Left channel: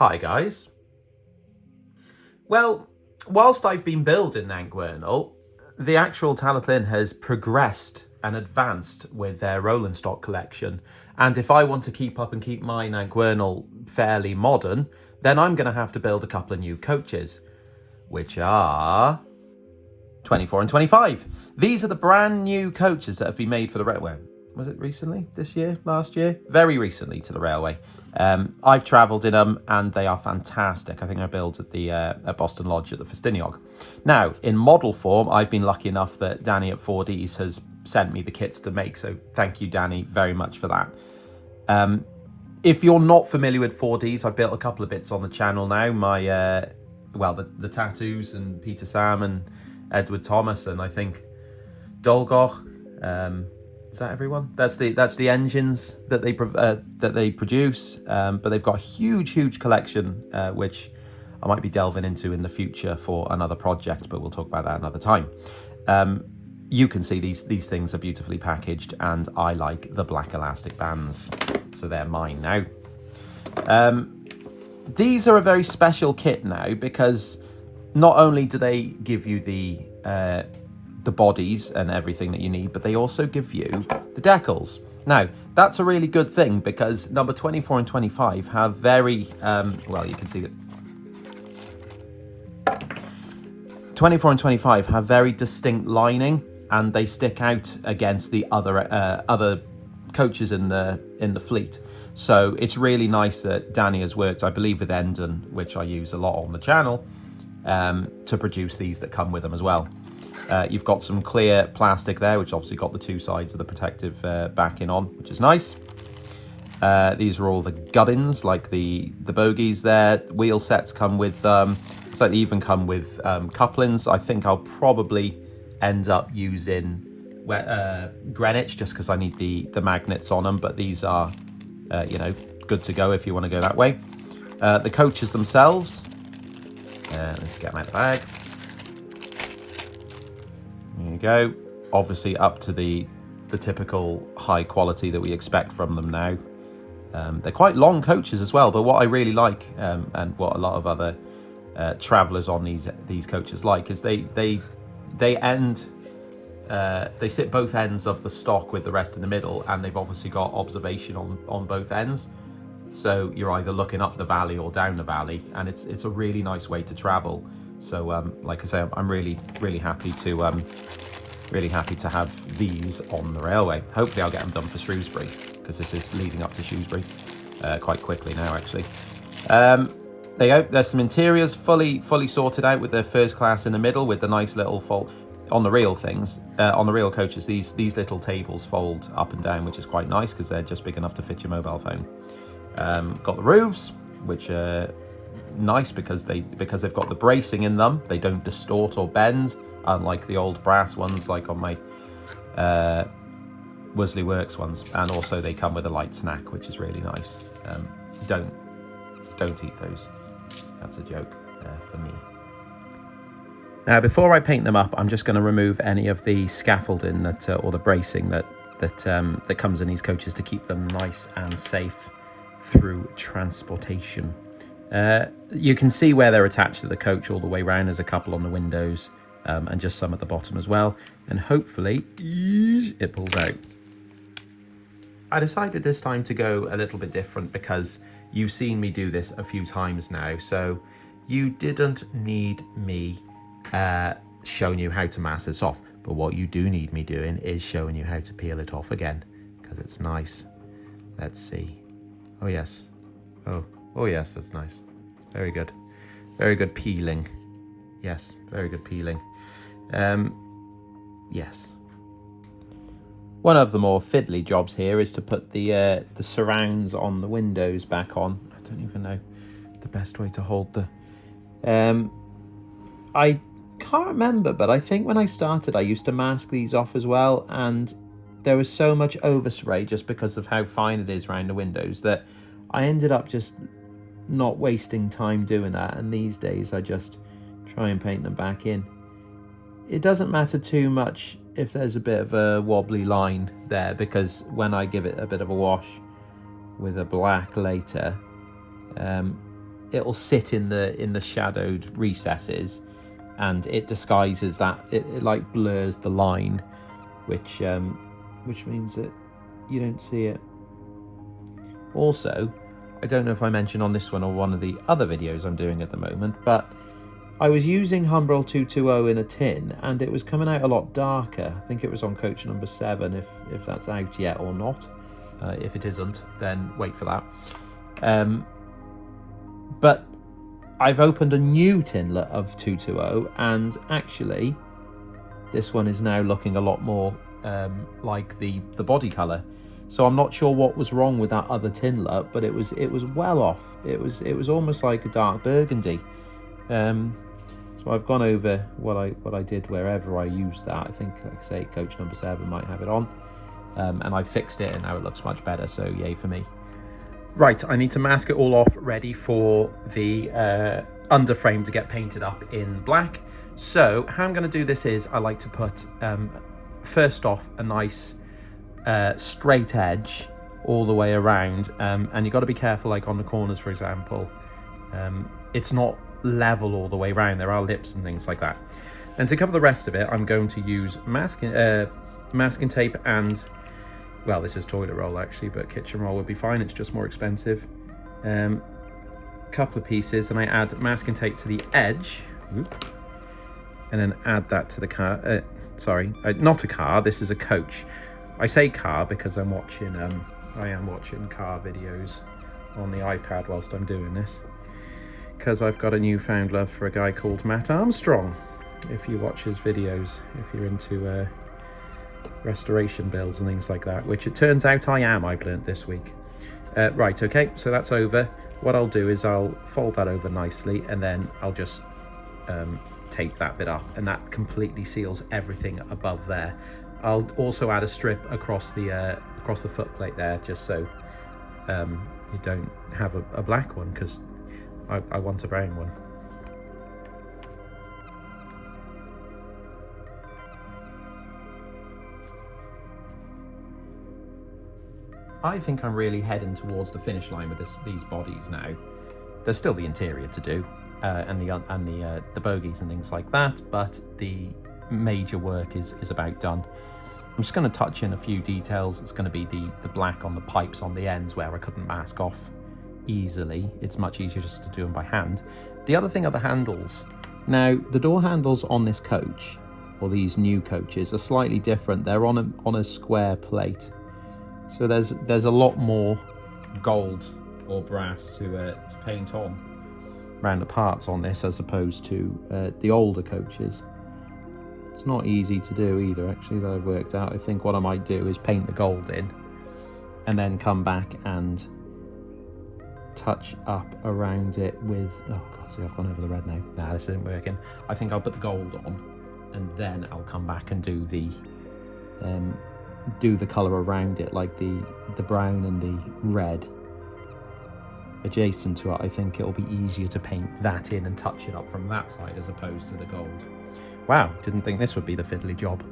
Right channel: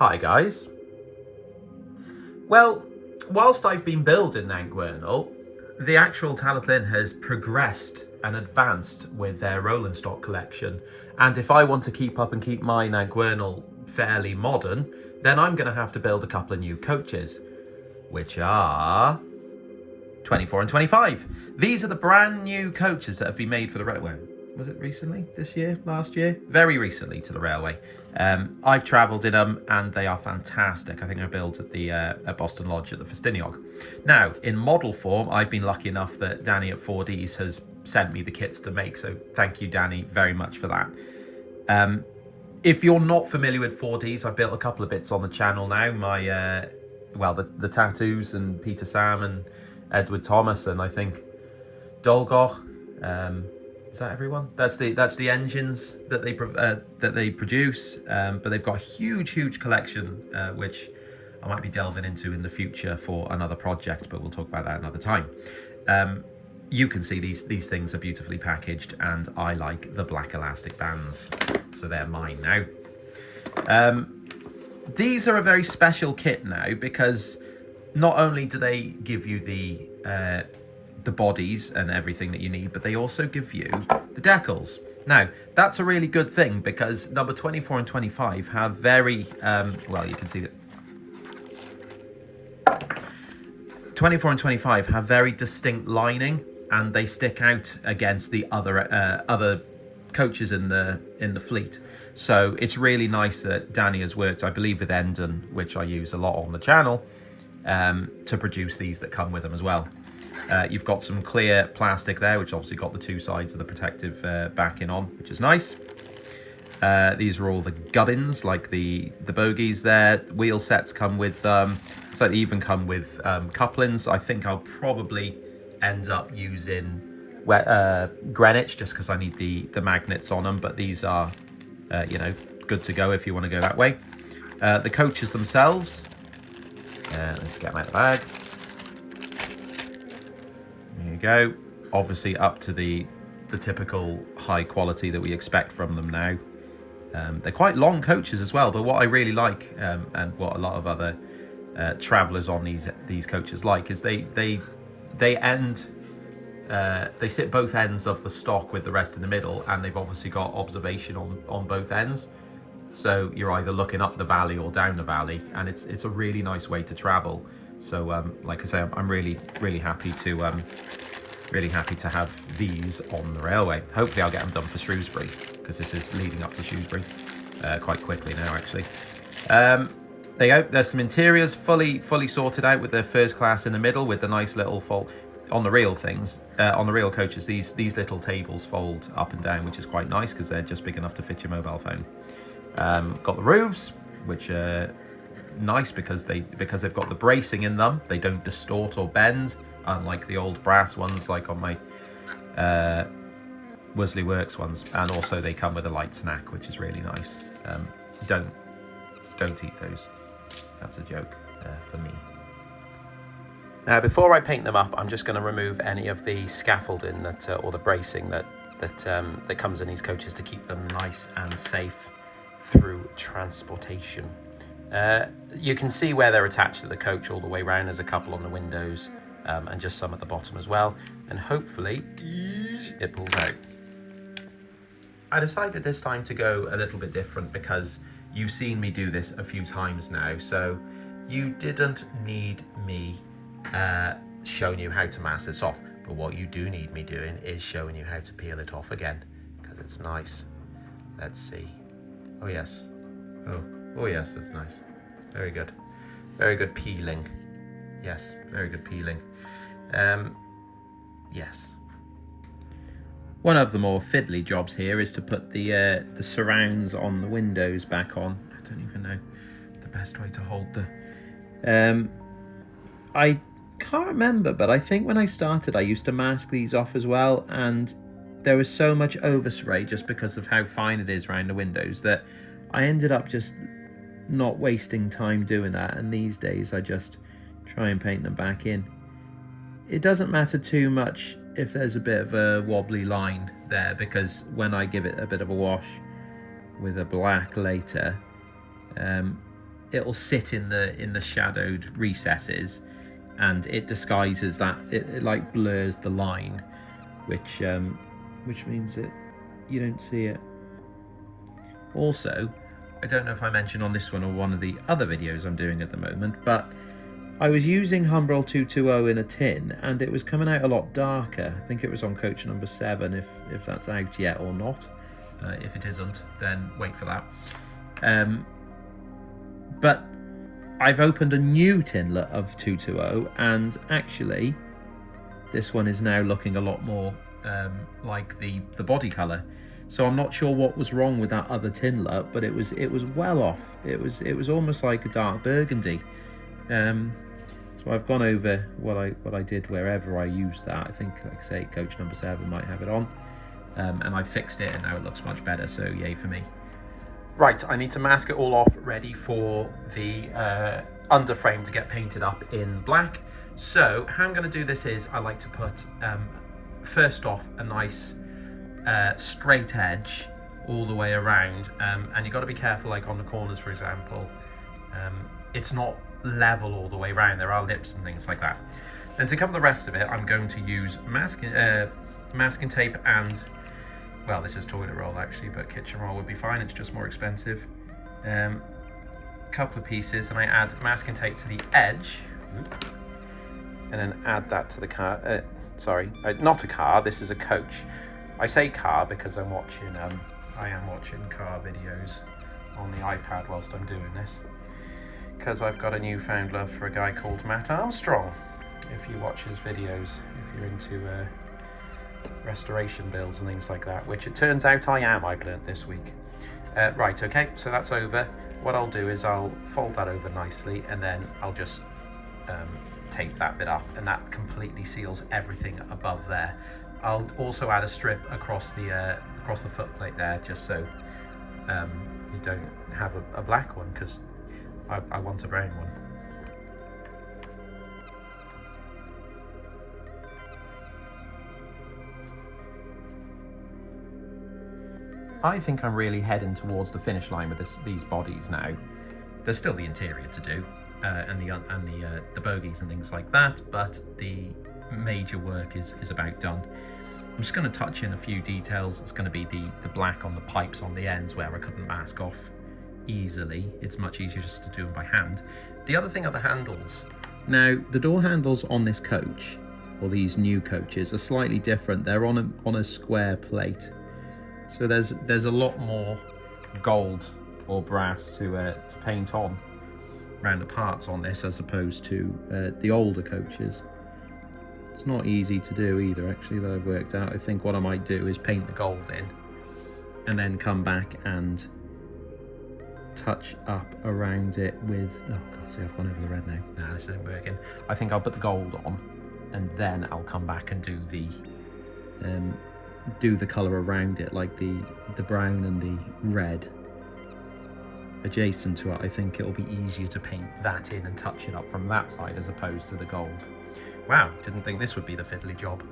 Hi guys. Well, whilst I've been building Nantgwernal, the actual Talyllyn has progressed and advanced with their rolling stock collection. And if I want to keep up and keep my Nantgwernal fairly modern, then I'm going to have to build a couple of new coaches, which are 24 and 25. These are the brand new coaches that have been made for the railway. Was it recently? This year? Last year? Very recently to the railway. I've travelled in them and they are fantastic. I think I built at the at Boston Lodge at the Festiniog. Now, in model form, I've been lucky enough that Danny at Fourdees has sent me the kits to make. So thank you, Danny, very much for that. If you're not familiar with Fourdees, I've built a couple of bits on the channel now. My, well, the tattoos and Peter Sam and Edward Thomas and I think dolgoch. Is that everyone? That's the engines that they produce. But they've got a huge collection, which I might be delving into in the future for another project, but we'll talk about that another time. You can see these things are beautifully packaged, and I like the black elastic bands, so they're mine now. These are a very special kit now because not only do they give you the bodies and everything that you need, but they also give you the decals. Now, that's a really good thing because number 24 and 25 have very, well, you can see that 24 and 25 have very distinct lining and they stick out against the other coaches in the fleet. So it's really nice that Danny has worked, I believe, with Endon, which I use a lot on the channel, to produce these that come with them as well. You've got some clear plastic there, which obviously got the two sides of the protective backing on, which is nice. These are all the gubbins, like the bogies there. Wheel sets come with, so they even come with couplings. I think I'll probably end up using Greenwich just because I need the magnets on them, but these are, you know, good to go if you want to go that way. The coaches themselves, let's get them out of the bag. There you go. Obviously up to the typical high quality that we expect from them now. They're quite long coaches as well, but what I really like, and what a lot of other travellers on these coaches like, is they sit both ends of the stock with the rest in the middle, and they've obviously got observation on both ends. So you're either looking up the valley or down the valley, and it's a really nice way to travel. So like I say, I'm really happy to have these on the railway. Hopefully I'll get them done for Shrewsbury, because this is leading up to Shrewsbury quite quickly now, actually. There's some interiors fully sorted out with the first class in the middle with the nice little fold on the real things. On the real coaches, these little tables fold up and down, which is quite nice because they're just big enough to fit your mobile phone. Got the roofs, which are nice because they've got the bracing in them. They don't distort or bend, unlike the old brass ones like on my Worsley Works ones. And also they come with a light snack, which is really nice. Don't eat those. That's a joke for me. Now, before I paint them up, I'm just going to remove any of the scaffolding or the bracing that comes in these coaches to keep them nice and safe through transportation. You can see where they're attached to the coach all the way around. There's a couple on the windows and just some at the bottom as well. And hopefully it pulls out. I decided this time to go a little bit different because you've seen me do this a few times now. So you didn't need me showing you how to mask this off. But what you do need me doing is showing you how to peel it off again, because it's nice. Let's see. Oh yes. Oh yes, that's nice. Very good. Very good peeling. Yes, very good peeling. Yes. One of the more fiddly jobs here is to put the surrounds on the windows back on. I don't even know the best way to hold the... I can't remember, but I think when I started I used to mask these off as well, and there was so much overspray just because of how fine it is around the windows that I ended up just not wasting time doing that, and these days I just try and paint them back in. It doesn't matter too much if there's a bit of a wobbly line there, because when I give it a bit of a wash with a black later, it'll sit in the shadowed recesses, and it disguises that. It like blurs the line, which means that you don't see it. Also, I don't know if I mentioned on this one or one of the other videos I'm doing at the moment, but I was using Humbrol 220 in a tin, and it was coming out a lot darker. I think it was on coach number 7, if that's out yet or not. If it isn't, then wait for that. But I've opened a new tinlet of 220, and actually this one is now looking a lot more like the body colour. So I'm not sure what was wrong with that other tinlet, but it was well off. It was almost like a dark burgundy. So I've gone over what I did wherever I used that. I think, like I say, coach number 7 might have it on, and I fixed it, and now it looks much better. So yay for me. Right, I need to mask it all off, ready for the underframe to get painted up in black. So how I'm going to do this is I like to put first off a nice straight edge all the way around, and you've got to be careful, like on the corners, for example. It's not level all the way around. There are lips and things like that. And to cover the rest of it, I'm going to use masking tape and, well, this is toilet roll actually, but kitchen roll would be fine. It's just more expensive. Couple of pieces, and I add masking tape to the edge, and then add that to the car. Sorry, not a car. This is a coach. I say car because I am watching car videos on the iPad whilst I'm doing this, because I've got a newfound love for a guy called Matt Armstrong. If you watch his videos, if you're into restoration builds and things like that, which it turns out I am, I've learnt this week. Right, okay, so that's over. What I'll do is I'll fold that over nicely, and then I'll just tape that bit up, and that completely seals everything above there. I'll also add a strip across the foot plate there, just so you don't have a black one, because I want a brown one. I think I'm really heading towards the finish line with these bodies now. There's still the interior to do, and the bogies and things like that, but the major work is about done. I'm just going to touch in a few details. It's going to be the black on the pipes on the ends where I couldn't mask off easily. It's much easier just to do them by hand. The other thing are the handles. Now, the door handles on this coach, or these new coaches, are slightly different. They're on a square plate. So there's a lot more gold or brass to paint on around the parts on this, as opposed to the older coaches. It's not easy to do either, actually, that I've worked out. I think what I might do is paint the gold in, and then come back and touch up around it with, oh god, see, I've gone over the red now. Nah, this isn't working. I think I'll put the gold on, and then I'll come back and do the colour around it, like the brown and the red adjacent to it. I think it'll be easier to paint that in and touch it up from that side as opposed to the gold. Wow, didn't think this would be the fiddly job.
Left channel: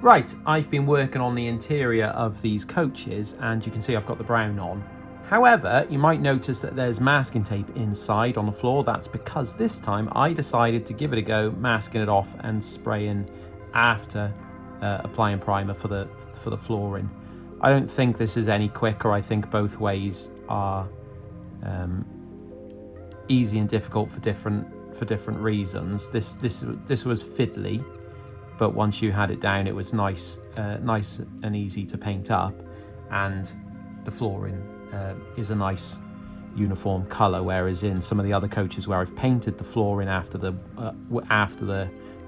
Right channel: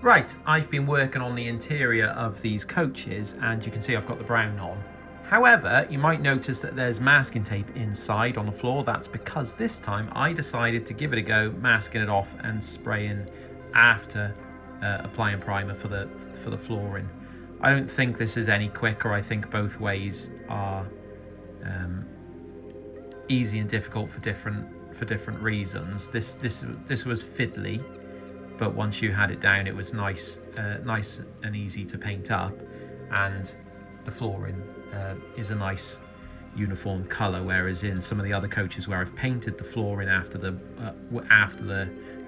Right, I've been working on the interior of these coaches, and you can see I've got the brown on. However, you might notice that there's masking tape inside on the floor. That's because this time I decided to give it a go, masking it off and spraying after applying primer for the flooring. I don't think this is any quicker. I think both ways are easy and difficult for different reasons. This was fiddly, but once you had it down, it was nice and easy to paint up, and the flooring is a nice uniform colour. Whereas in some of the other coaches where I've painted the flooring after the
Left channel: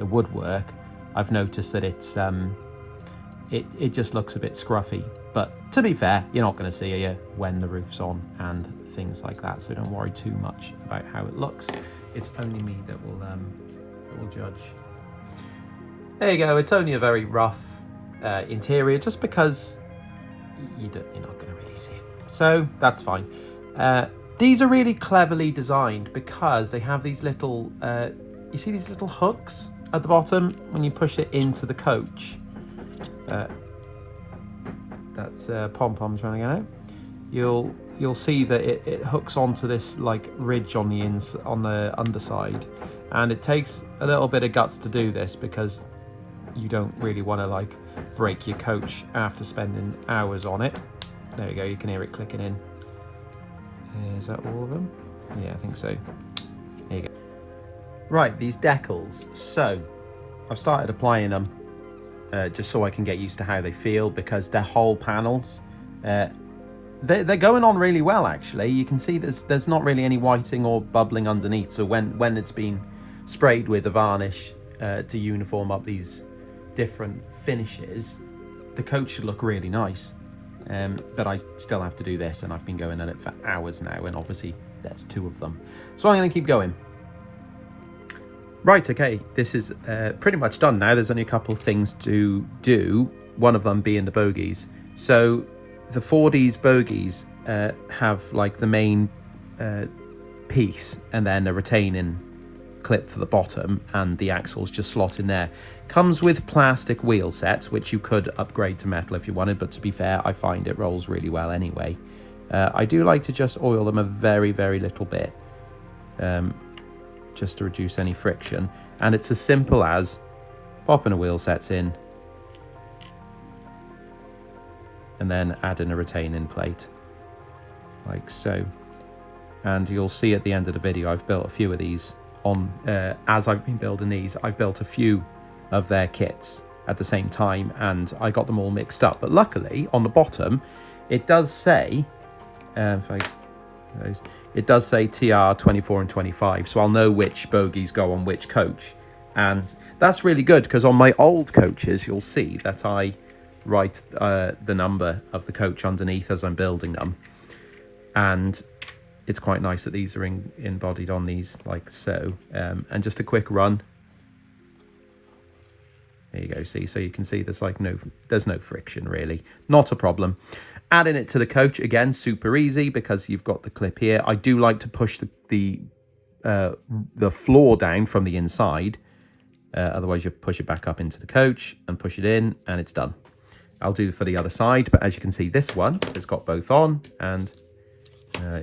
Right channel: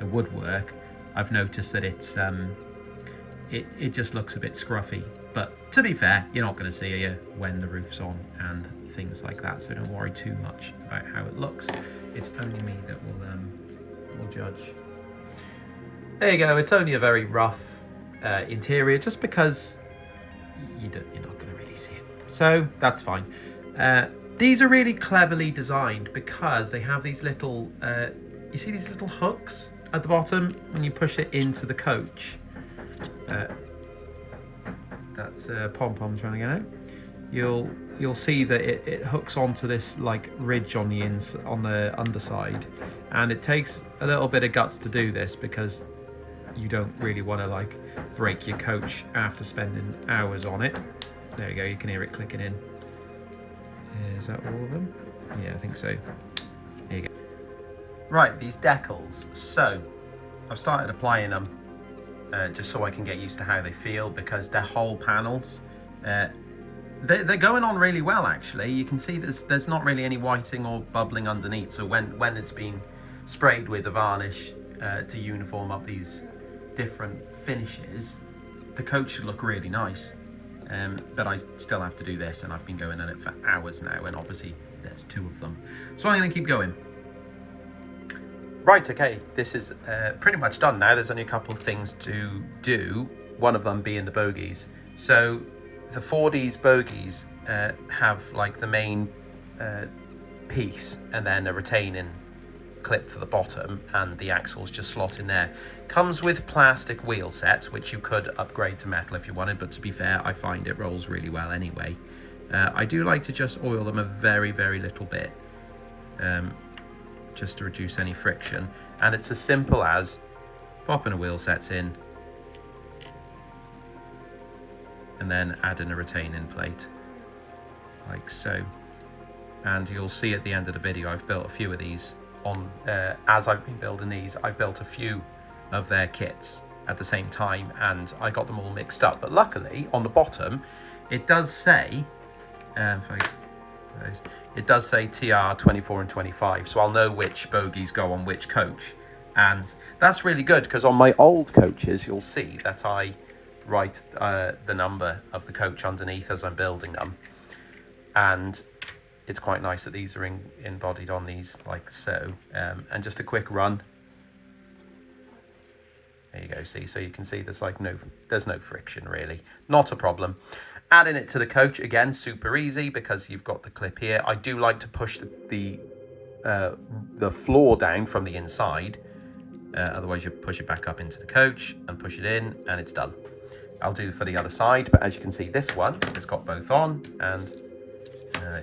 woodwork, I've noticed that it's it just looks a bit scruffy. But to be fair, you're not going to see it when the roof's on and things like that, so don't worry too much about how it looks. It's only me that will judge. There you go. It's only a very rough interior, just because you're not going to really see it. So that's fine. These are really cleverly designed because they have these little, you see these little hooks at the bottom when you push it into the coach. That's Pom Pom trying to get you'll see that it hooks onto this like ridge on the underside, and it takes a little bit of guts to do this because you don't really want to like break your coach after spending hours on it. There you go, you can hear it clicking in. Is that all of them? Yeah, I think so. There you go. Right, these decals. So I've started applying them just so I can get used to how they feel, because they're whole panels. They're going on really well, actually. You can see there's not really any whiting or bubbling underneath, so when it's been sprayed with a varnish to uniform up these different finishes, the coach should look really nice. But I still have to do this, and I've been going on it for hours now, and obviously there's 2 of them. So I'm going to keep going. Right, okay, this is pretty much done now. There's only a couple of things to do, one of them being the bogies. So the Fourdees bogies have like the main piece and then a retaining clip for the bottom, and the axles just slot in there. Comes with plastic wheel sets, which you could upgrade to metal if you wanted, but to be fair, I find it rolls really well anyway. I do like to just oil them a very, very little bit, just to reduce any friction, and it's as simple as popping a wheel sets in and then adding a retaining plate like so. And you'll see at the end of the video I've built a few of these on as I've been building these. I've built a few of their kits at the same time, and I got them all mixed up, but luckily on the bottom it does say it does say TR 24 and 25, so I'll know which bogies go on which coach. And that's really good, because on my old coaches you'll see that I write the number of the coach underneath as I'm building them, and it's quite nice that these are embodied on these like so. And just a quick run, there you go, see, so you can see there's no friction really, not a problem. Adding it to the coach, again, super easy because you've got the clip here. I do like to push the floor down from the inside, otherwise you push it back up into the coach and push it in and it's done. I'll do for the other side, but as you can see, this one has got both on, and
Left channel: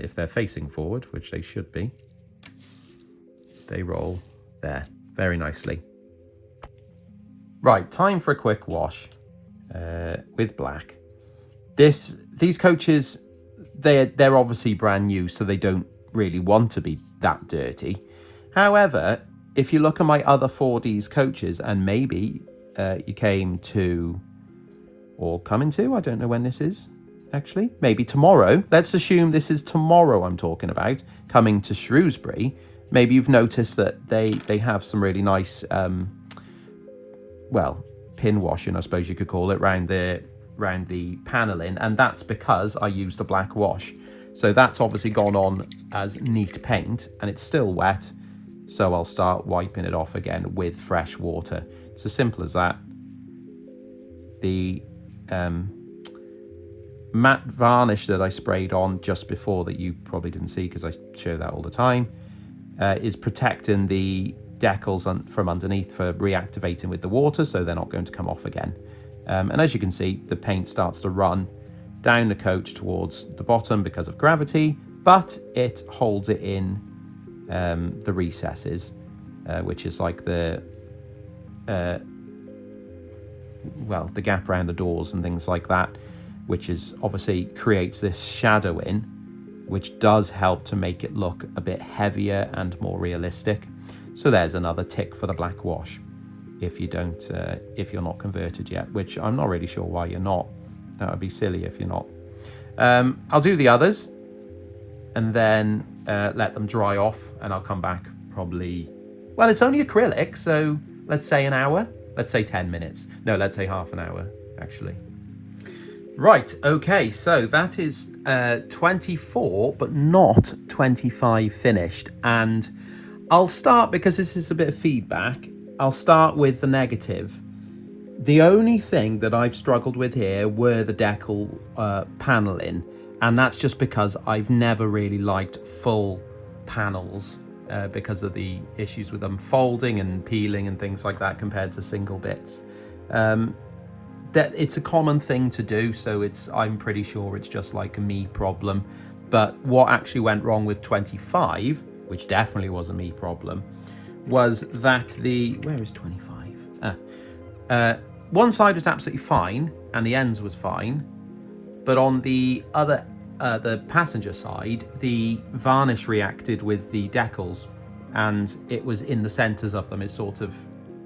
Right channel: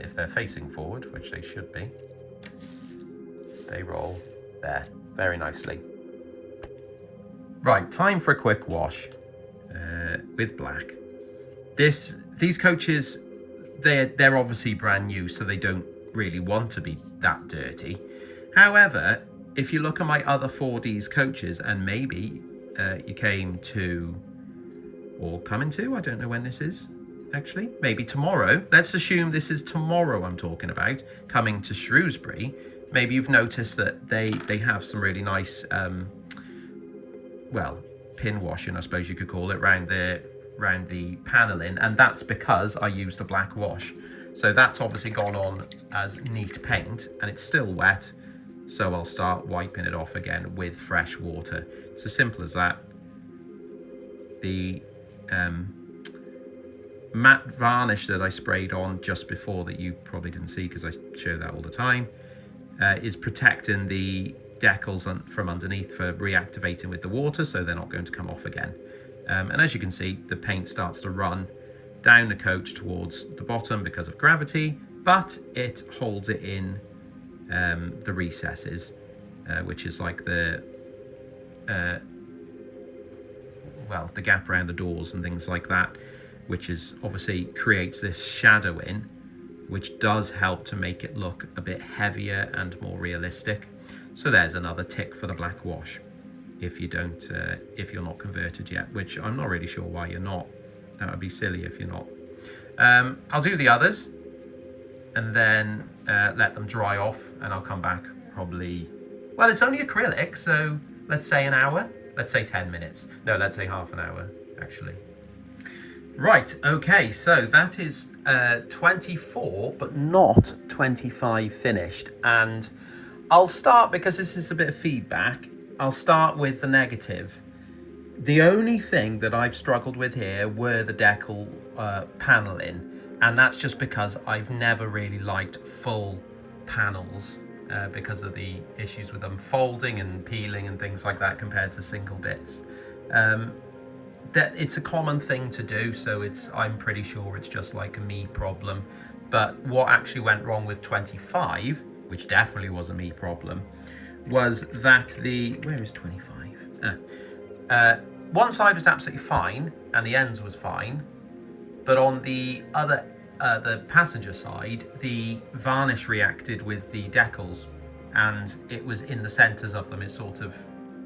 if they're facing forward, which they should be, they roll there very nicely. Right, time for a quick wash with black. These coaches, they're obviously brand new, so they don't really want to be that dirty. However, if you look at my other Fourdees coaches, and maybe you came to, or coming to, I don't know when this is, actually, maybe tomorrow. Let's assume this is tomorrow I'm talking about, coming to Shrewsbury. Maybe you've noticed that they have some really nice, well, pin washing, I suppose you could call it, around the paneling, and that's because I used the black wash. So that's obviously gone on as neat paint, and it's still wet, so I'll start wiping it off again with fresh water. It's as simple as that. The matte varnish that I sprayed on just before, that you probably didn't see because I show that all the time, is protecting the decals from underneath for reactivating with the water, so they're not going to come off again. And as you can see, the paint starts to run down the coach towards the bottom because of gravity, but it holds it in the recesses, which is like the gap around the doors and things like that, which is obviously creates this shadowing, which does help to make it look a bit heavier and more realistic. So there's another tick for the black wash. If you don't, if you're not converted yet, which I'm not really sure why you're not. That would be silly if you're not. I'll do the others and then let them dry off, and I'll come back probably, well, it's only acrylic, so let's say an hour. Let's say 10 minutes. No, let's say half an hour, actually. Right, okay, so that is 24, but not 25 finished. And I'll start, because this is a bit of feedback, I'll start with the negative. The only thing that I've struggled with here were the decal paneling, and that's just because I've never really liked full panels because of the issues with them folding and peeling and things like that compared to single bits. that it's a common thing to do, so I'm pretty sure it's just like a me problem. But what actually went wrong with 25, which definitely was a me problem, was that where is 25? One side was absolutely fine and the ends was fine, but on the other, the passenger side, the varnish reacted with the decals, and it was in the centers of them. It sort of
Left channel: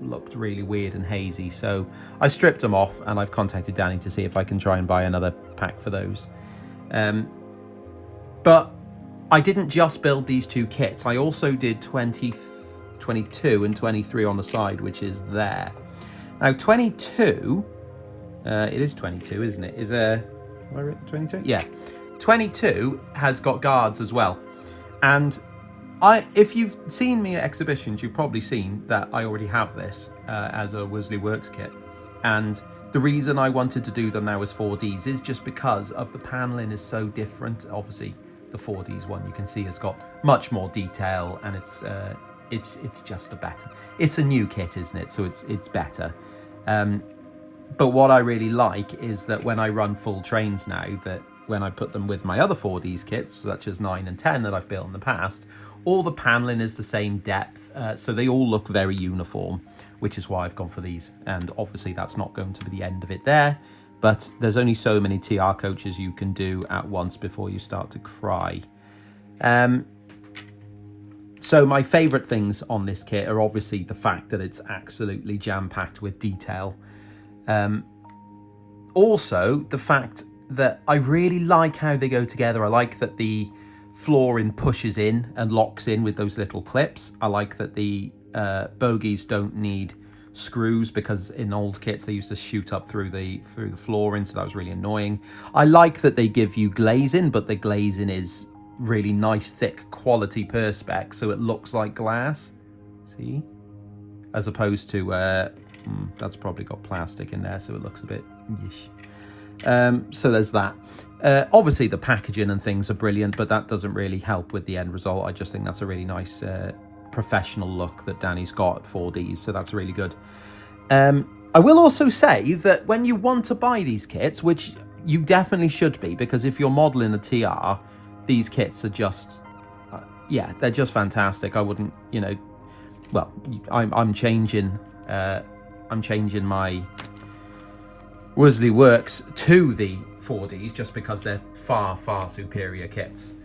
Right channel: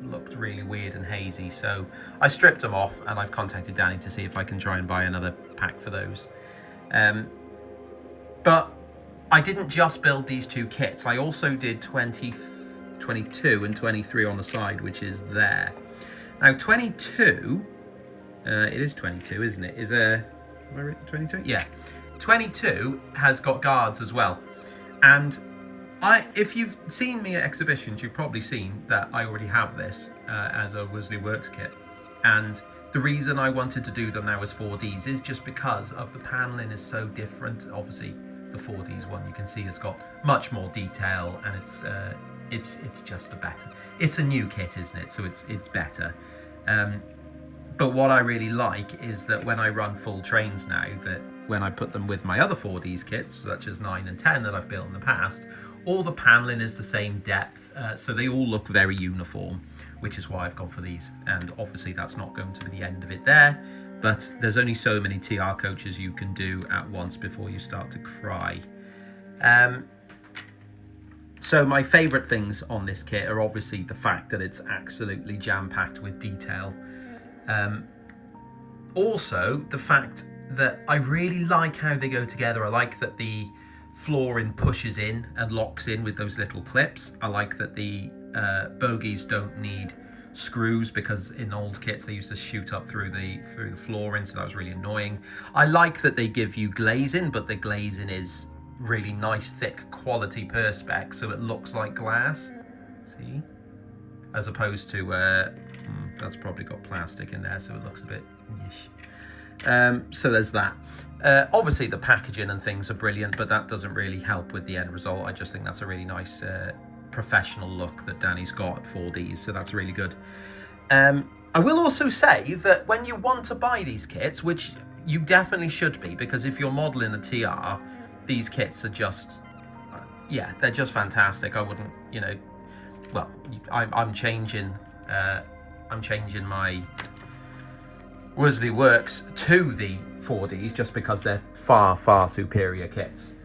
looked really weird and hazy, so I stripped them off, and I've contacted Danny to see if I can try and buy another pack for those. But I didn't just build these two kits, I also did 22 and 23 on the side, which is there. Now 22, it is 22, isn't it? Is am I right, 22? Yeah, 22 has got guards as well, and if you've seen me at exhibitions, you've probably seen that I already have this as a Worsley Works kit. And the reason I wanted to do them now as Fourdees is just because of the paneling is so different. Obviously, the Fourdees one you can see has got much more detail, and it's just a better. It's a new kit, isn't it? So it's better. But what I really like is that when I run full trains now, that when I put them with my other Fourdees kits, such as 9 and 10 that I've built in the past, all the paneling is the same depth, so they all look very uniform, which is why I've gone for these. And obviously that's not going to be the end of it there, but there's only so many TR coaches you can do at once before you start to cry. So my favourite things on this kit are obviously the fact that it's absolutely jam-packed with detail. Also, the fact that I really like how they go together. I like that the flooring pushes in and locks in with those little clips. I like that the bogies don't need screws, because in old kits they used to shoot up through the flooring, so that was really annoying. I like that they give you glazing, but the glazing is really nice, thick, quality perspex, so it looks like glass. See? As opposed to that's probably got plastic in there, so it looks a bit yish. So there's that. Obviously the packaging and things are brilliant, but that doesn't really help with the end result. I just think that's a really nice professional look that Danny's got at Fourdees, so that's really good. I will also say that when you want to buy these kits, which you definitely should be, because if you're modelling a TR, these kits are just, yeah, they're just fantastic. I wouldn't, you know, well, I'm changing my Worsley Works to the Fourdees just because they're far, far superior kits.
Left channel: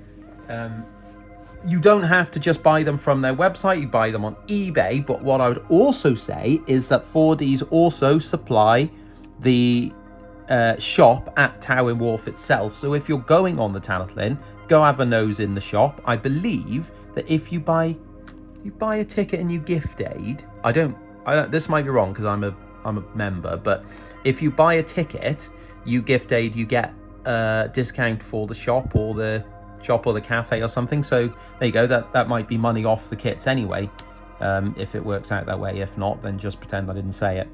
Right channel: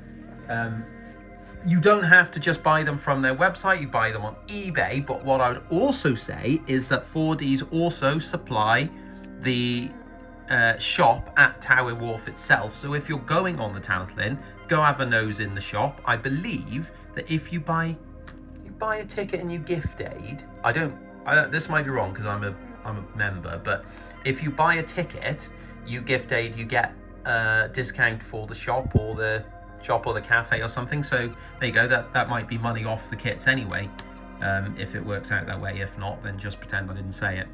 You don't have to just buy them from their website, you buy them on eBay, but what I would also say is that Fourdees also supply the shop at Towyn Wharf itself. So if you're going on the Talyllyn, go have a nose in the shop. I believe that if you buy a ticket and you gift aid, I don't this might be wrong because I'm a member, but if you buy a ticket, you gift aid, you get a discount for the shop or the cafe or something. So there you go, that might be money off the kits anyway, if it works out that way. If not, then just pretend I didn't say it.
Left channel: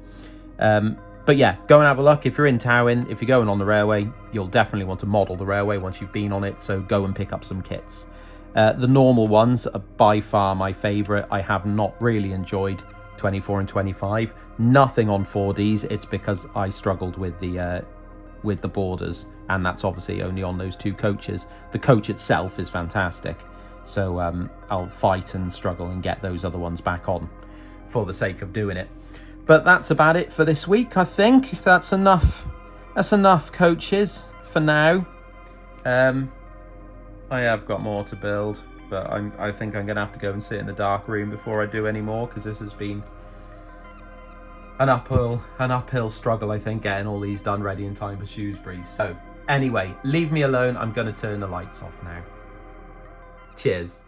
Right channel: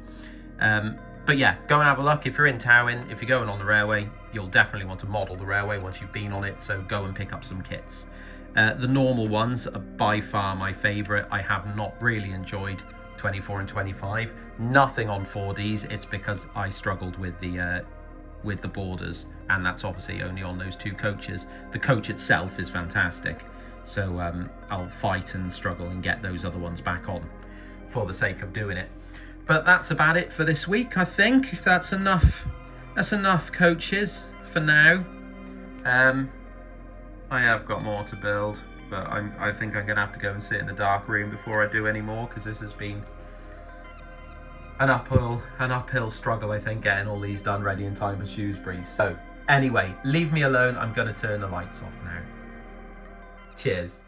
But yeah, go and have a look. If you're in Towyn, if you're going on the railway, you'll definitely want to model the railway once you've been on it, so go and pick up some kits. The normal ones are by far my favourite. I have not really enjoyed 24 and 25. Nothing on Fourdees. It's because I struggled with the borders, and that's obviously only on those two coaches. The coach itself is fantastic, so I'll fight and struggle and get those other ones back on for the sake of doing it. But that's about it for this week. I think that's enough. That's enough coaches for now. I have got more to build, but I think I'm gonna have to go and sit in the dark room before I do any more, because this has been an uphill struggle, I think, getting all these done ready in time for Shrewsbury. So anyway, leave me alone. I'm gonna turn the lights off now. Cheers.